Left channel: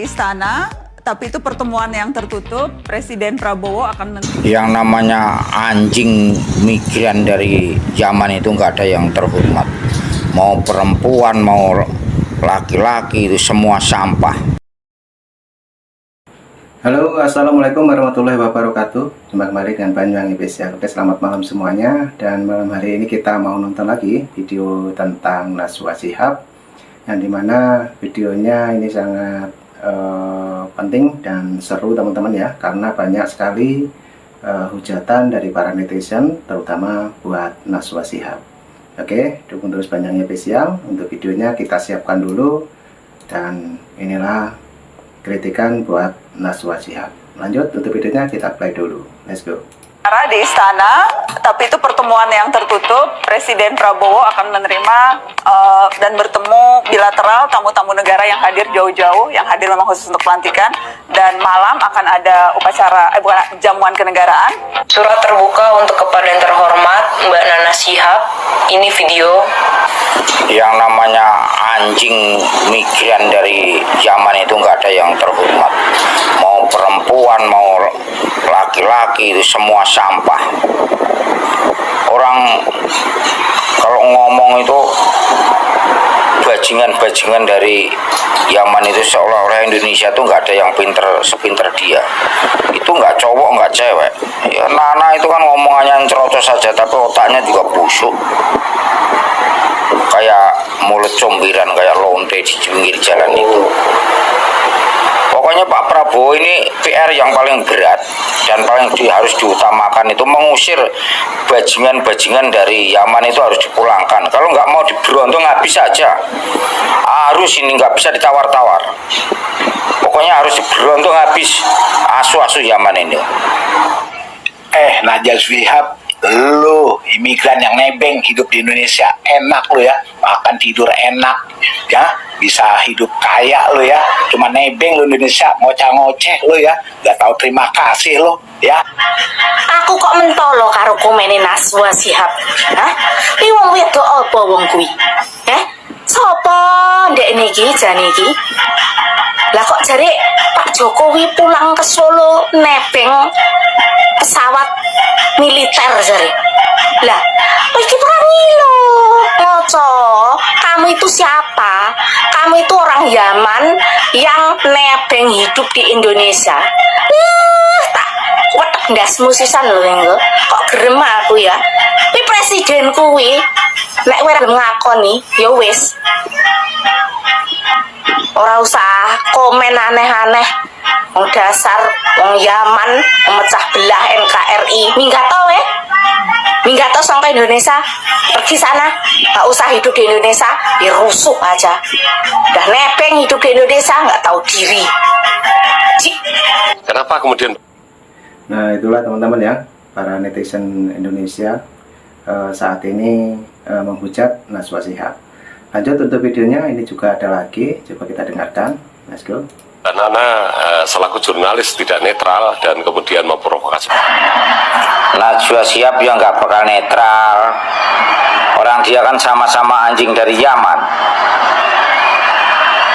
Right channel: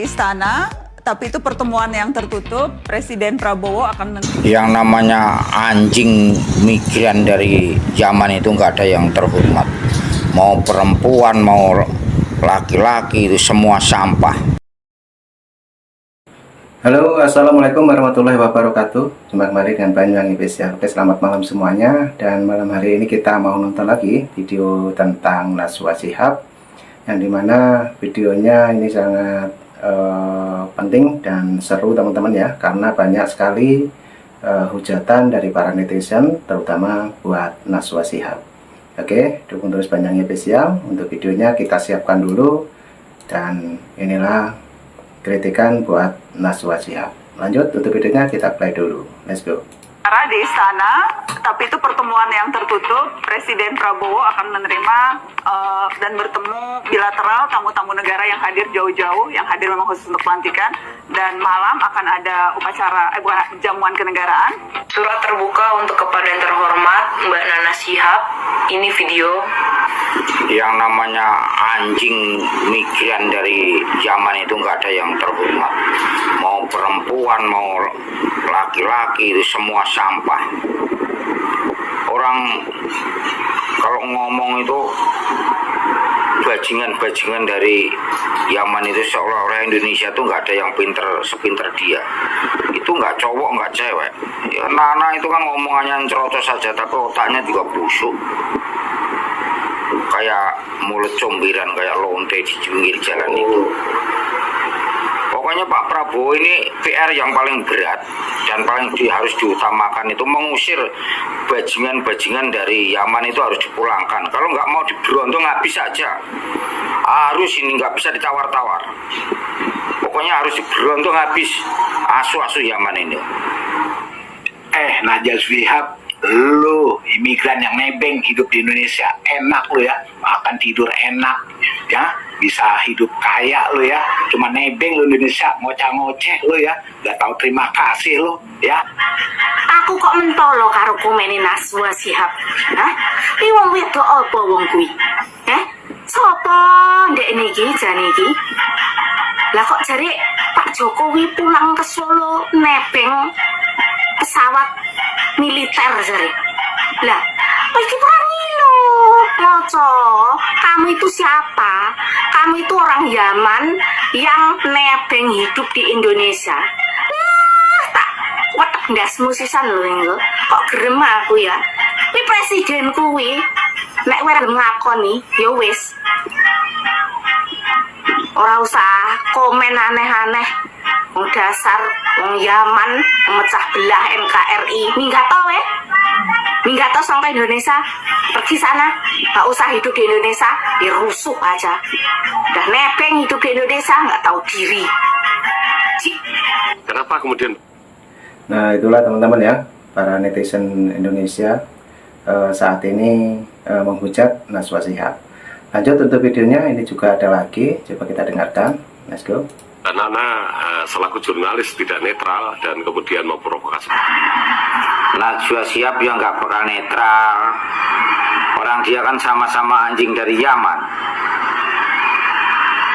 Istana, tapi itu pertemuan yang tertutup. Presiden Prabowo akan yang namanya anjing migran dari zaman itu nggak ada yang terhormat, mau perempuan mau laki-laki itu semua sampah. Halo, assalamualaikum warahmatullahi wabarakatuh. Jumpa kembali dengan Banyuwangi Spesial. Oke, selamat malam semuanya. Dan malam hari ini kita mau nonton lagi video tentang Najwa Shihab, yang dimana videonya ini sangat penting dan seru teman-teman ya, karena banyak sekali hujatan dari para netizen, terutama buat Najwa Shihab. Oke, dukung terus Banyuwangi Spesial. Untuk videonya kita siapkan dulu, dan inilah kritikan buat Najwa Shihab. Lanjut, untuk videonya kita play dulu. Let's go. di istana, tapi itu pertemuan yang tertutup. Presiden Prabowo akan menerima dan bertemu bilateral tamu-tamu negara yang hadir jauh-jauh, yang hadir memang khusus untuk pelantikan. Dan malam akan ada upacara, jamuan kenegaraan. Surat terbuka untuk kepada yang terhormat Mbak Nana Shihab. Ini video. Yang namanya anjing migran dari zaman itu nggak ada yang terhormat, mau perempuan mau laki-laki itu semua sampah. Orang kalau ngomong itu bajingan-bajingan dari Yaman itu, seolah-olah Indonesia tuh nggak ada yang pinter sepinter dia. Itu nggak cowok nggak cewek. Ya Nana itu kan ngomongannya cerocos saja, tapi otaknya juga busuk. Kayak mulut combiran, kayak lonte di pinggir jalan itu. Pokoknya Pak Prabowo ini PR yang paling berat dan paling harus diutamakan itu mengusir bajingan-bajingan dari Yaman itu, harus dipulangkan. Kalau nggak mau diberondong habis saja. Harus ini nggak bisa ditawar-tawar. Pokoknya harus diberondong habis asu-asu Yaman ini. Najwa Shihab, lu imigran yang nebeng hidup di Indonesia, enak lu ya, makan tidur enak ya, bisa hidup kaya lu ya, cuma nebeng lu Indonesia, ngoceh-ngoceh lu ya, gak tahu terima kasih lu ya. Aku kok mentolo karo komene Najwa Shihab. Hah? Iki wong wedok apa wong kuwi? Sopo ndek niki jane iki? Lah kok jare Pak Jokowi pulang ke Solo nebeng pesawat militer jare. Lah, iki perangi lo. Ngoco, kamu itu siapa? Kamu itu orang Yaman yang nebeng hidup di Indonesia. Tak wetek ndasmu sisan lho engko. Kok gerem aku ya. Kuwi presiden kuwi nek ora ngakoni ya wis. Ora usah komen aneh-aneh. Wong dasar wong Yaman memecah belah NKRI. Minggato Minggato sampai Indonesia. Pergi sana. Gak usah hidup di Indonesia. Ya rusuk aja. Udah nebeng hidup di Indonesia, gak tahu diri. Kenapa kemudian? Nah, itulah teman-teman ya, para netizen Indonesia saat ini menghujat Najwa Shihab. Lanjut untuk videonya, ini juga ada lagi, coba kita dengarkan. Let's go. Nana selaku jurnalis tidak netral dan kemudian memprovokasi. Najwa Shihab yang nggak bakal netral. Orang dia kan sama-sama anjing dari Yaman.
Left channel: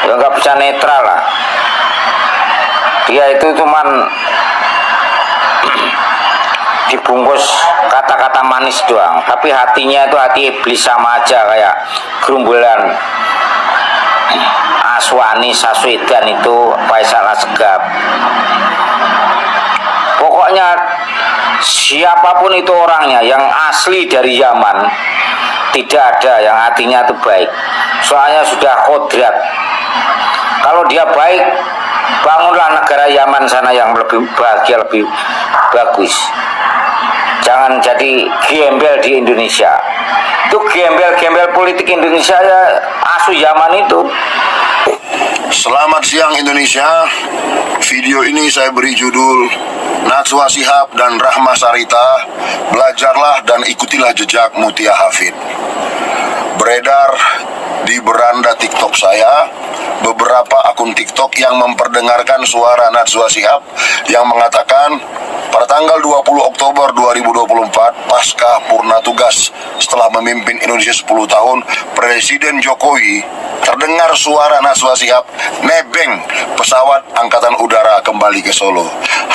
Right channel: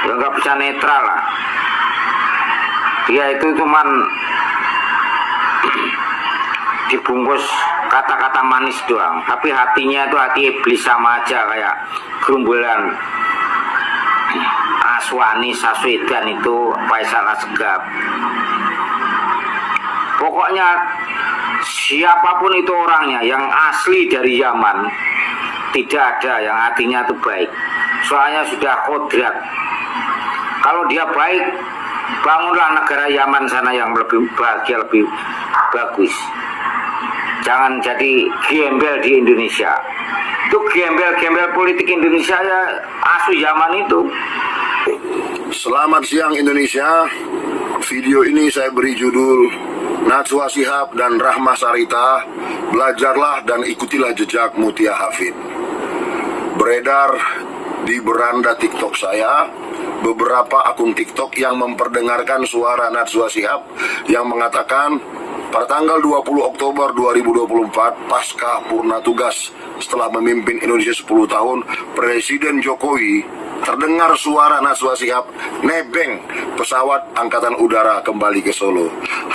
Ya nggak bisa netral lah. Dia itu cuman dibungkus kata-kata manis doang, tapi hatinya itu hati iblis sama aja, kayak gerumbulan Aswani Saswedan itu Faisal Asgab. Pokoknya siapapun itu orangnya yang asli dari Yaman, tidak ada yang hatinya itu baik. Soalnya sudah kodrat. Kalau dia baik, bangunlah negara Yaman sana yang lebih bahagia, lebih bagus. Jangan jadi gembel di Indonesia. Itu gembel-gembel politik Indonesia ya, asu Yaman itu. Selamat siang Indonesia. Video ini saya beri judul Najwa Shihab dan Rahma Sarita, belajarlah dan ikutilah jejak Mutia Hafid. Beredar di beranda TikTok saya beberapa akun TikTok yang memperdengarkan suara Najwa Shihab yang mengatakan pada tanggal 20 Oktober 2024 pasca purna tugas setelah memimpin Indonesia 10 tahun, Presiden Jokowi terdengar suara Najwa Shihab nebeng pesawat Angkatan Udara kembali ke Solo.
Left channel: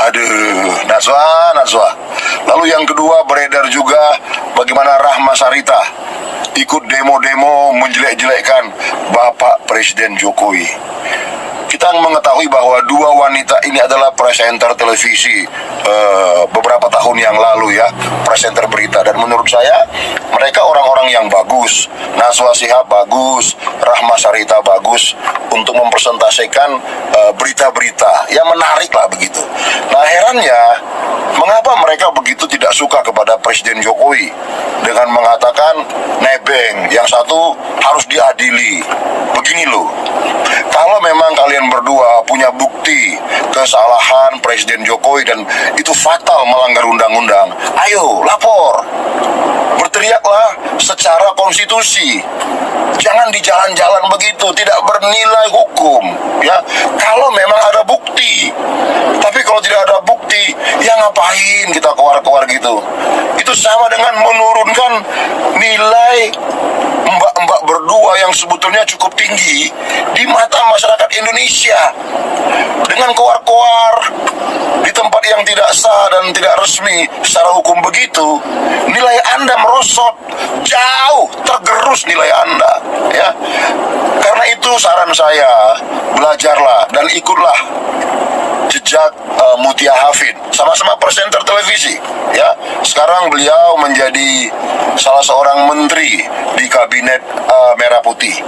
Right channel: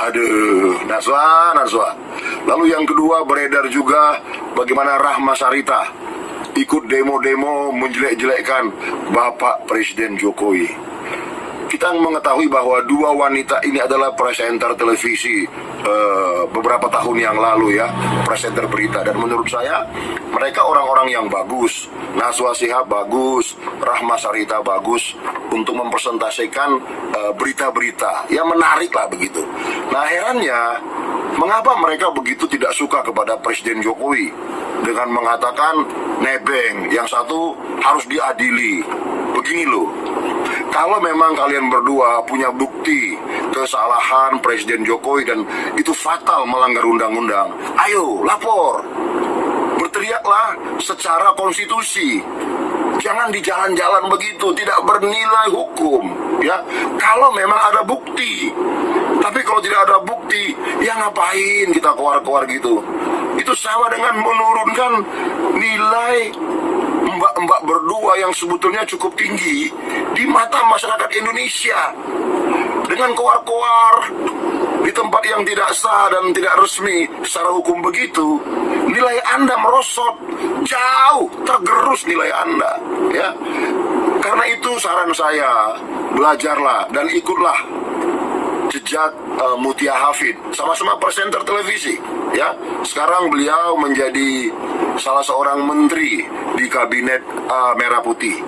Aduh, Najwa. Lalu yang kedua, beredar juga bagaimana Rahma Sarita ikut demo-demo menjelek-jelekkan Bapak Presiden Jokowi. Kita mengetahui bahwa dua wanita ini adalah presenter televisi beberapa tahun yang lalu ya, presenter berita, dan menurut saya mereka orang-orang yang bagus. Najwa Shihab bagus, Rahma Sarita bagus untuk mempresentasikan berita-berita yang menarik lah begitu. Nah, herannya mengapa mereka begitu tidak suka kepada Presiden Jokowi dengan mengatakan nebeng, yang satu harus diadili. Begini loh, kalau memang kalian berdua punya bukti kesalahan Presiden Jokowi dan itu fatal melanggar undang-undang, ayo lapor, berteriaklah secara konstitusi. Jangan di jalan-jalan begitu, tidak bernilai hukum ya. Kalau memang ada bukti. Tapi kalau tidak ada bukti, ya ngapain kita keluar-keluar gitu. Itu sama dengan menurunkan nilai mbak-mbak berdua yang sebetulnya cukup tinggi di mata masyarakat Indonesia. Dengan keluar-keluar di tempat yang tidak sah dan tidak resmi secara hukum begitu, nilai Anda merosot, jauh tergerus nilai Anda ya. Karena itu saran saya, belajarlah dan ikutlah jejak Mutia Hafid, sama-sama presenter televisi ya. Sekarang beliau menjadi salah seorang menteri di kabinet Merah Putih.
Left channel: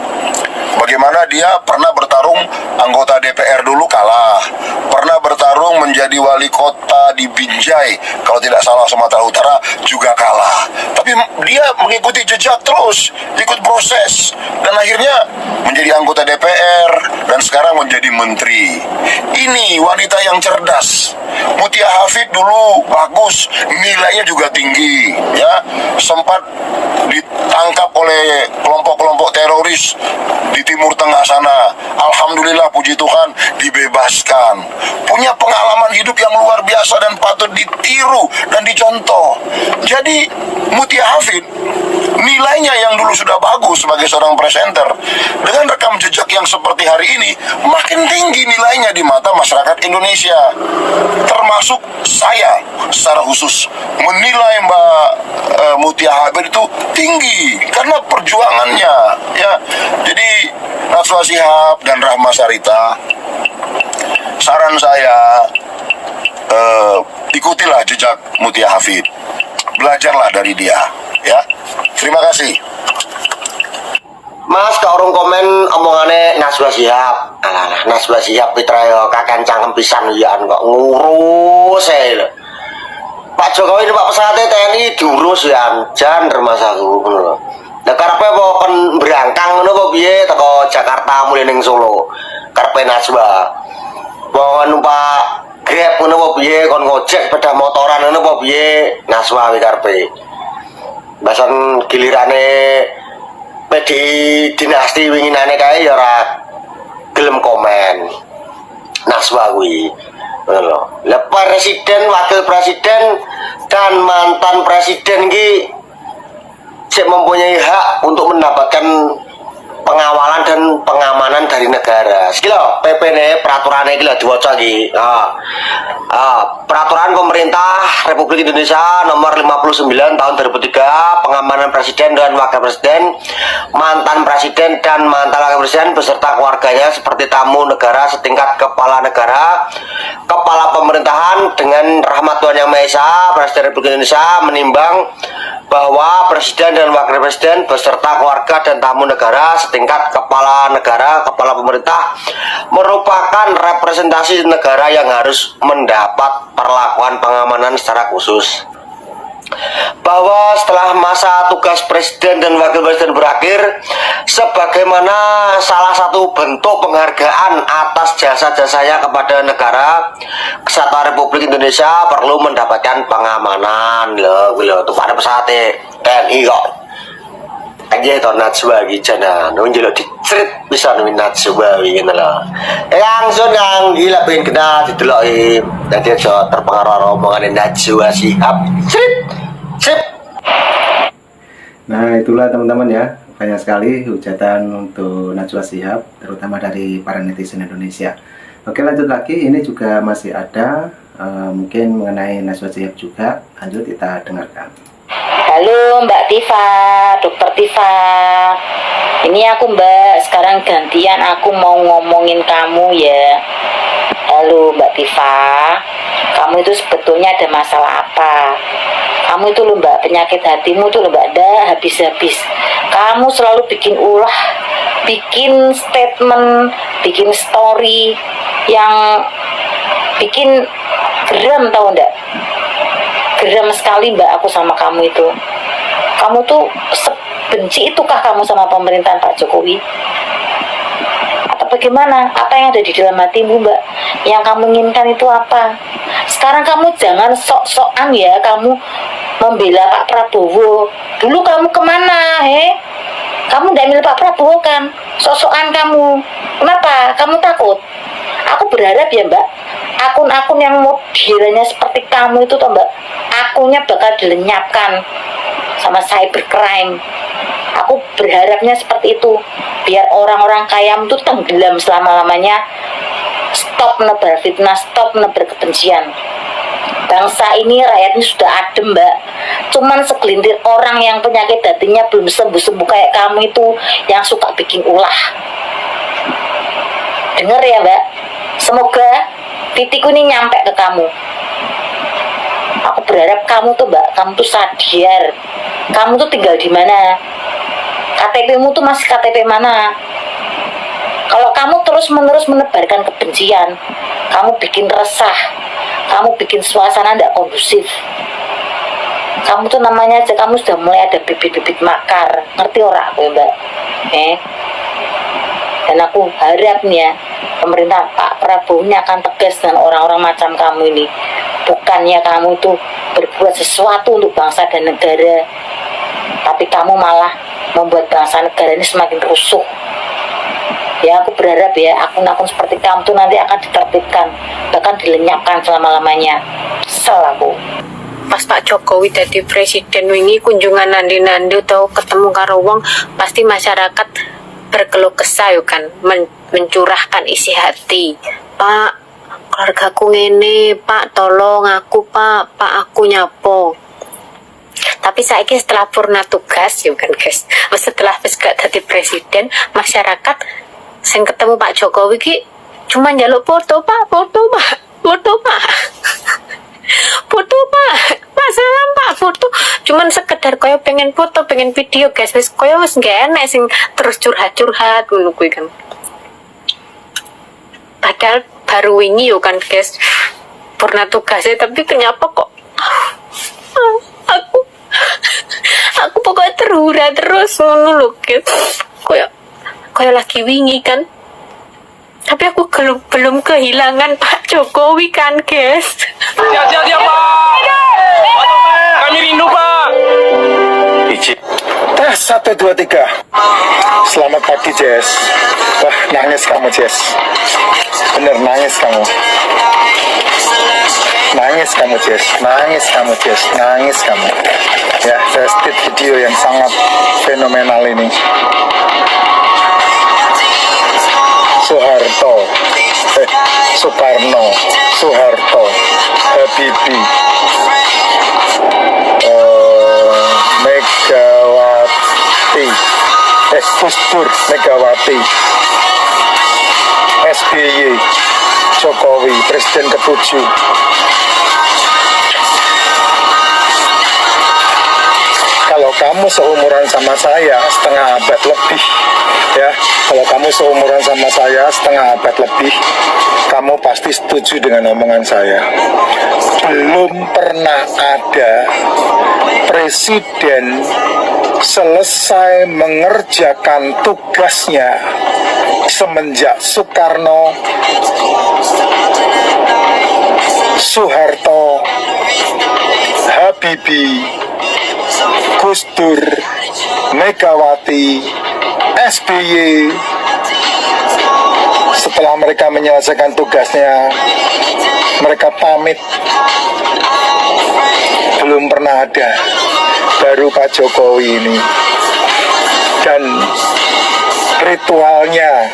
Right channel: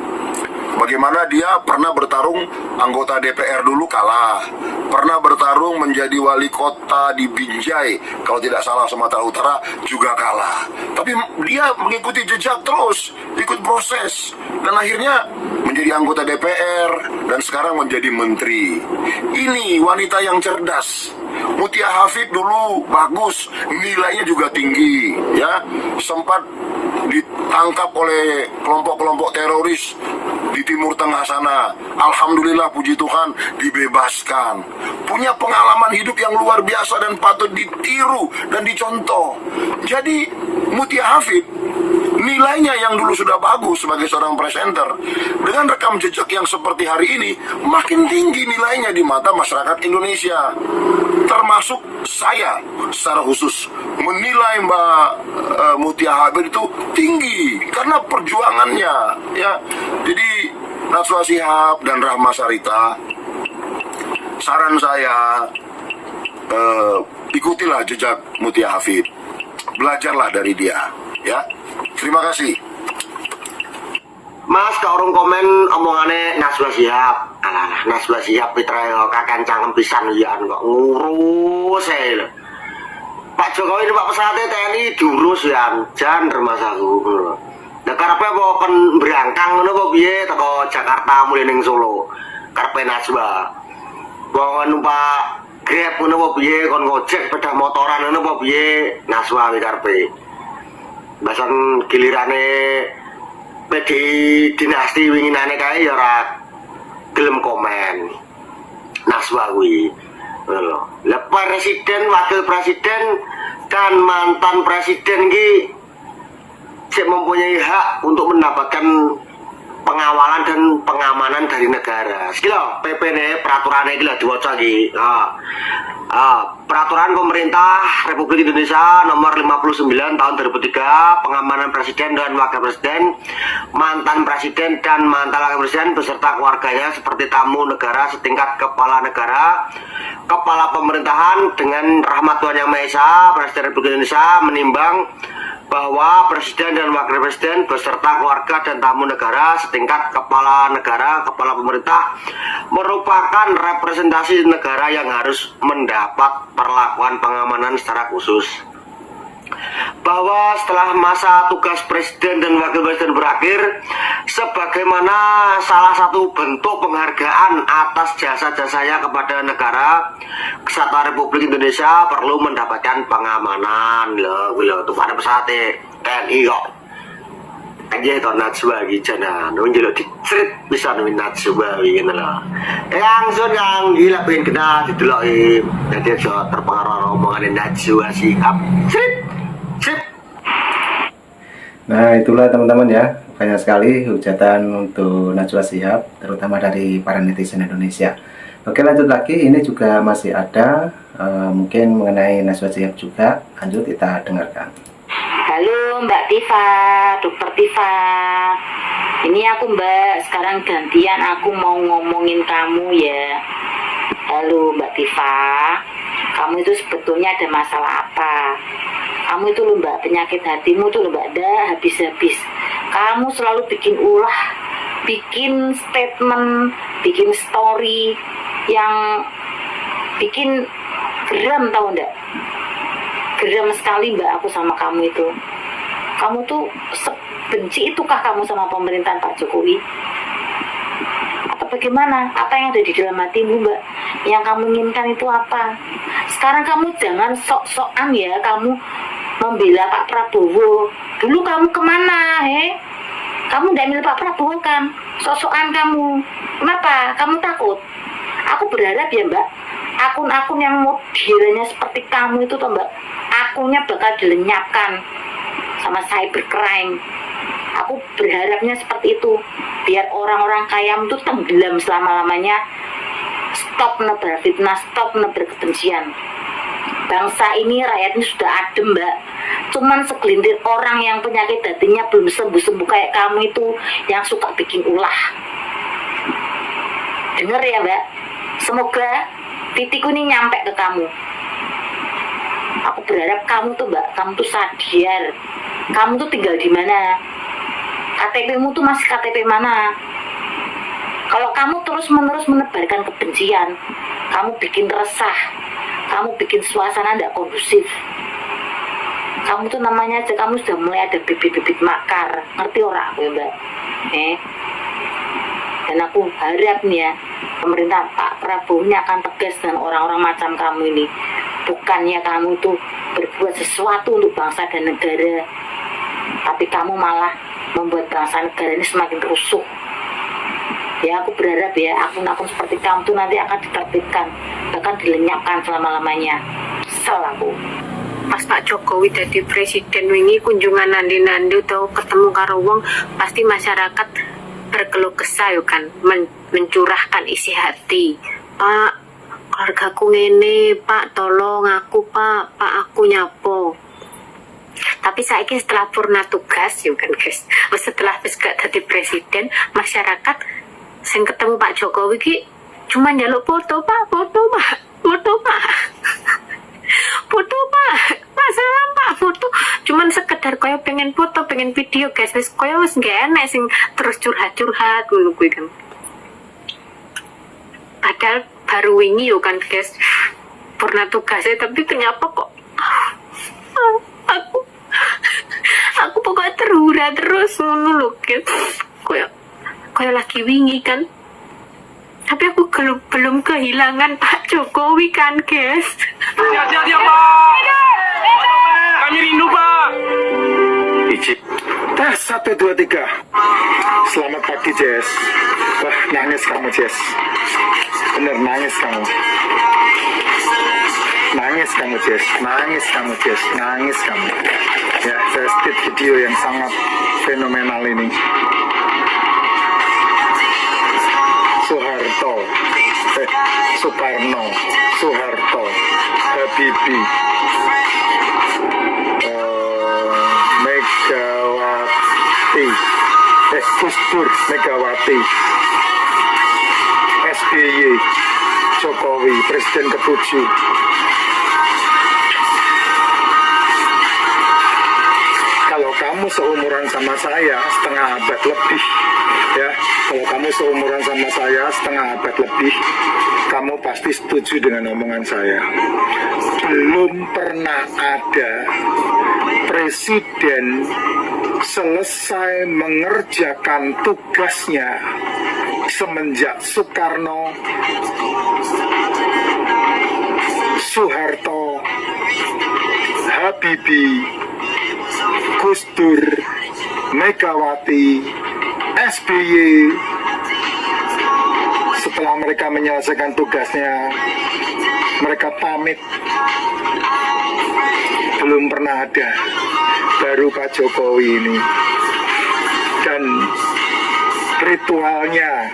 Bagaimana dia pernah bertarung anggota DPR dulu kalah, pernah bertarung menjadi wali kota di Binjai, kalau tidak salah Sumatera Utara juga kalah. Tapi dia mengikuti jejak terus, ikut proses, dan akhirnya menjadi anggota DPR dan sekarang menjadi menteri. Ini wanita yang cerdas. Mutia Hafid dulu bagus, nilainya juga tinggi ya, sempat ditangkap oleh kelompok-kelompok teroris di Timur Tengah sana. Alhamdulillah, puji Tuhan, dibebaskan. Punya pengalaman hidup yang luar biasa dan patut ditiru dan dicontoh. Jadi Mutia Hafid nilainya yang dulu sudah bagus sebagai seorang presenter, dengan rekam jejak yang seperti hari ini, makin tinggi nilainya di mata masyarakat Indonesia. Termasuk saya secara khusus menilai Mbak Mutia Hafid itu tinggi karena perjuangannya ya. Jadi Najwa Shihab dan Rahma Sarita, saran saya, ikutilah jejak Mutia Hafid, belajarlah dari dia ya. Terima kasih. Mas, ke orang komen omongannya Najwa Shihab. Alah, Najwa Shihab Pitra yo kakek cangkem pisan ya kok ngurus lho. Pak Jokowi ini Pak pesawatnya TNI diurus ya, jan rumah saku ngono lho. Lah karepe apa kon berangkang ngono kok piye teko Jakarta mulih ning Solo. Karepe Najwa. Bawa numpak Grab ngono apa piye, kon ngojek sepeda motoran ngono apa piye, Najwa kuwi karepe. Bahasan gilirane PD dinasti winginane kae ya ora gelem komen. Najwa kuwi. Lho, lah presiden, wakil presiden dan mantan presiden ki sik mempunyai hak untuk mendapatkan pengawalan dan pengamanan dari negara. Iki lho, PP-ne peraturannya iki lho diwaca iki. Peraturan Pemerintah Republik Indonesia nomor 59 tahun 2003, pengamanan presiden dan wakil presiden, mantan presiden dan mantan wakil presiden beserta keluarganya seperti tamu negara setingkat kepala negara, kepala pemerintahan dengan rahmat Tuhan Yang Maha Esa. Presiden Republik Indonesia menimbang bahwa presiden dan wakil presiden beserta keluarga dan tamu negara setingkat kepala negara, kepala pemerintah merupakan representasi negara yang harus mendapat perlakuan pengamanan secara khusus. Bahwa setelah masa tugas presiden dan wakil presiden berakhir, sebagaimana salah satu bentuk penghargaan atas jasa-jasanya kepada negara kesatuan Republik Indonesia perlu mendapatkan pengamanan. Loh itu pada pesawat TNI kok aja itu Najwa gijana nunjuk dicrit bisa nuin Najwa gitu loh. Langsung yang gila pengen kena dideloi jadi aja terpengaruh omongan Najwa Shihab. Sip. Nah, itulah teman-teman ya banyak sekali hujatan untuk Najwa Shihab, terutama dari para netizen Indonesia. Oke, lanjut lagi, ini juga masih ada mungkin mengenai Najwa Shihab juga. Lanjut kita dengarkan. Halo Mbak Tifa, Dokter Tifa. Ini aku Mbak, sekarang gantian aku mau ngomongin kamu ya. Halo Mbak Tifa, kamu itu sebetulnya ada masalah apa? Kamu itu loh Mbak, penyakit hatimu tuh loh Mbak, dah habis-habis. Kamu selalu bikin ulah, bikin statement, bikin story yang bikin geram, tahu enggak? Geram sekali Mbak aku sama kamu itu. Kamu tuh sebenci itukah kamu sama pemerintahan Pak Jokowi? Atau bagaimana? Apa yang ada di dalam hatimu Mbak? Yang kamu inginkan itu apa? Sekarang kamu jangan sok-sokan ya, kamu membela Pak Prabowo. Dulu kamu kemana, Kamu tidak milih Pak Prabowo kan? Sok-sokan kamu. Kenapa? Kamu takut? Aku berharap ya Mbak, akun-akun yang modelnya seperti kamu itu toh Mbak, akunnya bakal dilenyapkan sama cybercrime. Aku berharapnya seperti itu, biar orang-orang kayamu itu tenggelam selama-lamanya. Stop menebar fitnah, stop menebar kebencian. Bangsa ini rakyatnya sudah adem Mbak. Cuman segelintir orang yang penyakit hatinya belum sembuh-sembuh kayak kamu itu, yang suka bikin ulah. Dengar ya Mbak, semoga titikku ini nyampe ke kamu. Aku berharap kamu tuh Mbak, kamu tuh sadar. Kamu tuh tinggal di mana? KTP-mu tuh masih KTP mana? Kalau kamu terus-menerus menebarkan kebencian, kamu bikin resah, kamu bikin suasana tidak kondusif. Kamu tuh namanya aja, kamu sudah mulai ada bibit-bibit makar. Ngerti orang aku Mbak? Dan aku harap nih ya, pemerintah Pak Prabowo ini akan tegas dengan orang-orang macam kamu ini. Bukannya kamu tuh berbuat sesuatu untuk bangsa dan negara, tapi kamu malah membuat bangsa negara ini semakin rusuh. Ya aku berharap ya, akun-akun seperti kamu tuh nanti akan ditertibkan, bahkan dilenyapkan selama-lamanya. Kesel aku. Pas Pak Jokowi jadi presiden wingi kunjungan nandi-nandi atau ketemu karo wong, pasti masyarakat berkeluh kesah yo kan, mencurahkan isi hati. Pak, keluargaku ngene, Pak tolong aku Pak aku nyapo. Tapi saiki setelah purna tugas yo kan guys, setelah wis gak dadi presiden, masyarakat sing ketemu Pak Jokowi ki cuma njaluk foto Pak, foto Pak, foto Pak. Foto Pak salam Pak, foto. Cuman sekedar koyo pengen foto, pengen video guys, wis koyo wis gak enak sing terus curhat-curhat ngono kuwi kan. Padahal baru wingi yo kan guys purna tugasnya, tapi kenapa kok aku pokoknya terhura terus ngono lho guys. Koyo lagi wingi kan. Tapi aku belum kehilangan Pak Jokowi kan guys. Sehat-sehat ya Pak. Kami rindu Pak. Tes 1, 2, 3. Selamat pagi Jess. Wah nangis kamu Jess. Bener nangis kamu. Nangis kamu Jess. Nangis kamu Jess. Nangis kamu. Ya saya stit video yang sangat fenomenal ini. Soekarno, Soeharto, Habibie, Megawati, Gus Dur, Megawati, SBY, Jokowi, Presiden ke-7. Kalau kamu seumuran sama saya setengah abad lebih, ya, kalau kamu seumuran sama saya setengah abad lebih, kamu pasti setuju dengan omongan saya. Belum pernah ada presiden selesai mengerjakan tugasnya semenjak Soekarno, Soeharto, Habibie, Gus Dur, Megawati, SBY. Setelah mereka menyelesaikan tugasnya, mereka pamit. Belum pernah ada. Baru Pak Jokowi ini. dan ritualnya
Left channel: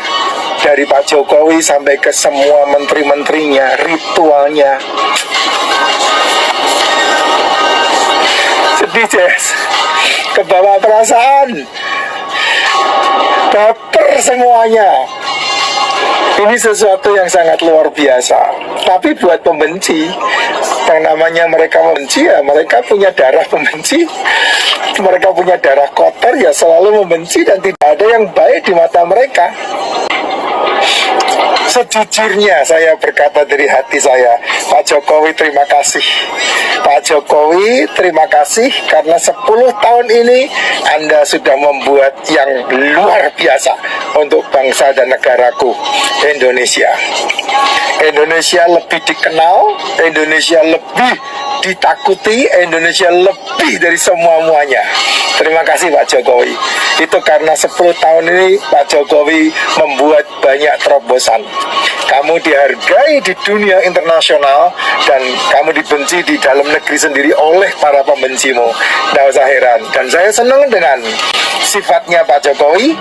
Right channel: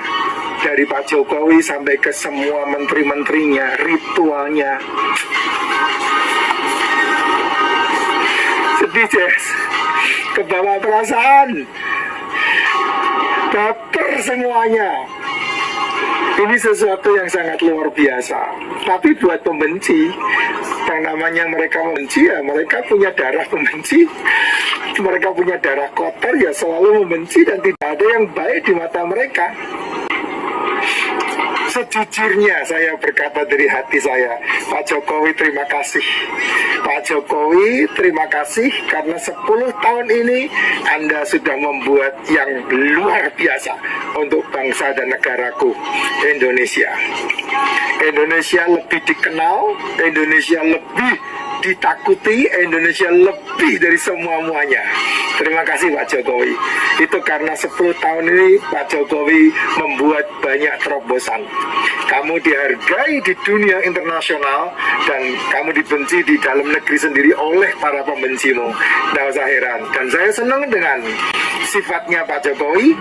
dari Pak Jokowi sampai ke semua menteri-menterinya, ritualnya sedih, Jess, kebawa perasaan, baper semuanya. Ini sesuatu yang sangat luar biasa. Tapi buat pembenci, yang namanya mereka membenci, ya mereka punya darah pembenci, mereka punya darah kotor, ya selalu membenci, dan tidak ada yang baik di mata mereka. Sejujurnya saya berkata dari hati saya, Pak Jokowi terima kasih. Pak Jokowi terima kasih karena 10 tahun ini Anda sudah membuat yang luar biasa untuk bangsa dan negaraku, Indonesia. Indonesia lebih dikenal, Indonesia lebih ditakuti, Indonesia lebih dari semua-muanya. Terima kasih Pak Jokowi. Itu karena 10 tahun ini Pak Jokowi membuat banyak terobosan. Kamu dihargai di dunia internasional dan kamu dibenci di dalam negeri sendiri oleh para pembencimu. Tidak usah heran. Dan saya senang dengan sifatnya Pak Jokowi,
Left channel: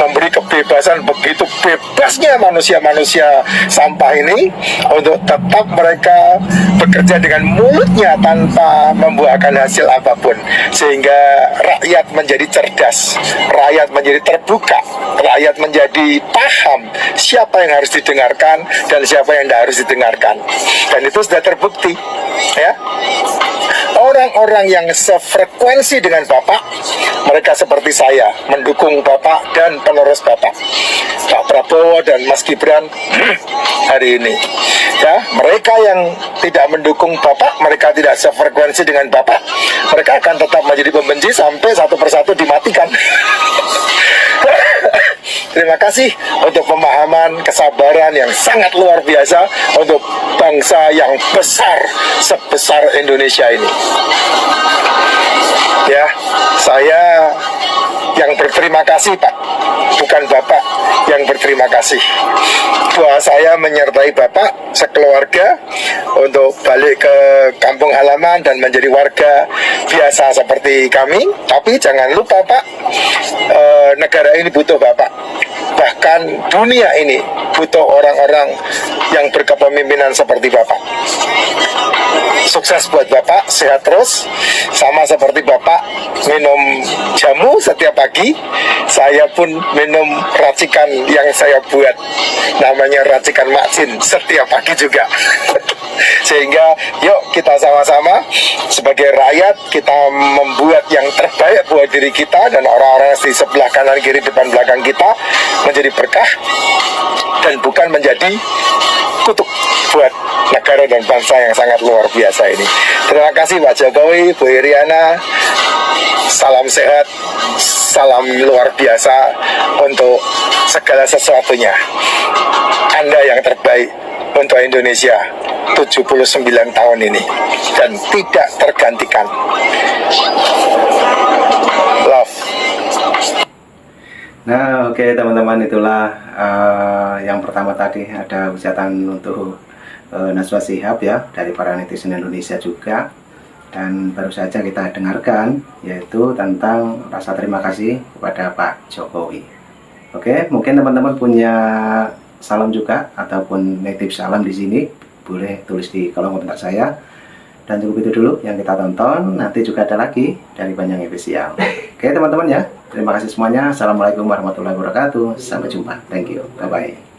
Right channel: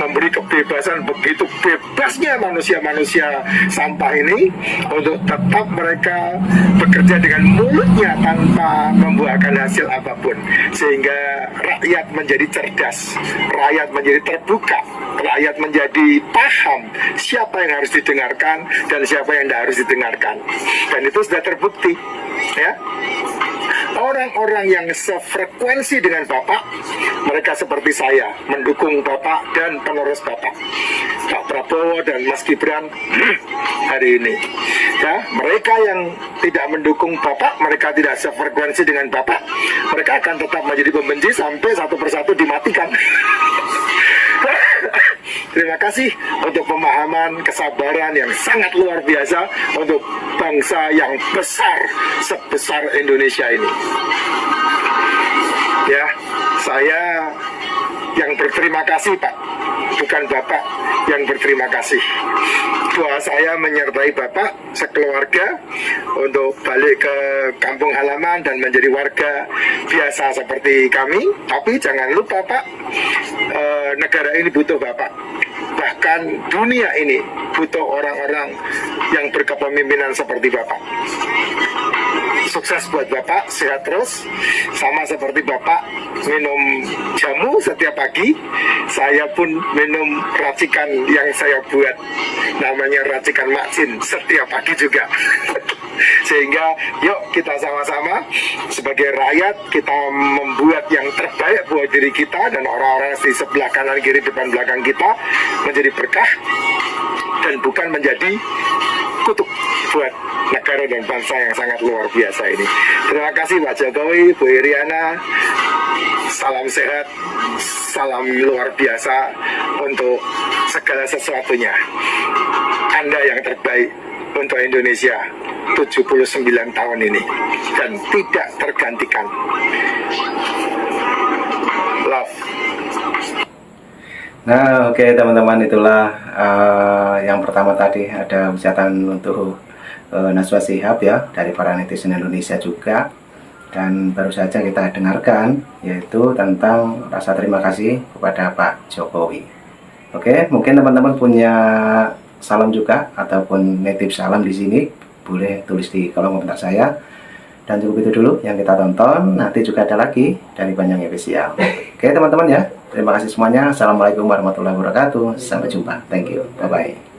memberi kebebasan, begitu bebasnya manusia-manusia sampah ini untuk tetap mereka bekerja dengan mulutnya tanpa membuahkan hasil apapun, sehingga rakyat menjadi cerdas, rakyat menjadi terbuka, rakyat menjadi paham siapa yang harus didengarkan dan siapa yang tidak harus didengarkan. Dan itu sudah terbukti, ya. Orang-orang yang sefrekuensi dengan Bapak, mereka seperti saya, mendukung Bapak dan penerus Bapak, Pak Prabowo dan Mas Gibran hari ini. Ya, mereka yang tidak mendukung Bapak, mereka tidak sefrekuensi dengan Bapak, mereka akan tetap menjadi pembenci sampai satu persatu dimatikan. Terima kasih untuk pemahaman, kesabaran yang sangat luar biasa untuk bangsa yang besar sebesar Indonesia ini. Ya, saya yang berterima kasih Pak, bukan Bapak yang berterima kasih. Doa saya menyertai Bapak sekeluarga untuk balik ke kampung halaman dan menjadi warga biasa seperti kami. Tapi jangan lupa Pak, negara ini butuh Bapak. Bahkan dunia ini butuh orang-orang yang berkepemimpinan seperti Bapak. Sukses buat Bapak, sehat terus. Sama seperti Bapak minum jamu setiap pagi, saya pun minum racikan yang saya buat, namanya racikan Maksin, setiap pagi juga. Sehingga yuk kita sama-sama sebagai rakyat, kita membuat yang terbaik buat diri kita dan orang-orang di sebelah kanan, kiri, depan, belakang kita menjadi berkah dan bukan menjadi kutuk buat negara dan bangsa yang sangat luar biasa ini. Terima kasih Pak Jokowi, Bu Iriana. Salam sehat, salam luar biasa untuk segala sesuatunya. Anda yang terbaik untuk Indonesia 79 tahun ini dan tidak tergantikan. Love. Nah, oke teman-teman, itulah yang pertama tadi ada ucapan untuk Najwa Shihab ya dari para netizen Indonesia juga, dan baru saja kita dengarkan yaitu tentang rasa terima kasih kepada Pak Jokowi. Oke, mungkin teman-teman punya salam juga ataupun nitip salam di sini, boleh tulis di kolom komentar saya. Dan cukup itu dulu yang kita tonton, nanti juga ada lagi dari Banjang Official. Oke teman-teman ya, terima kasih semuanya. Assalamualaikum warahmatullahi wabarakatuh. Sampai jumpa. Thank you. Bye-bye.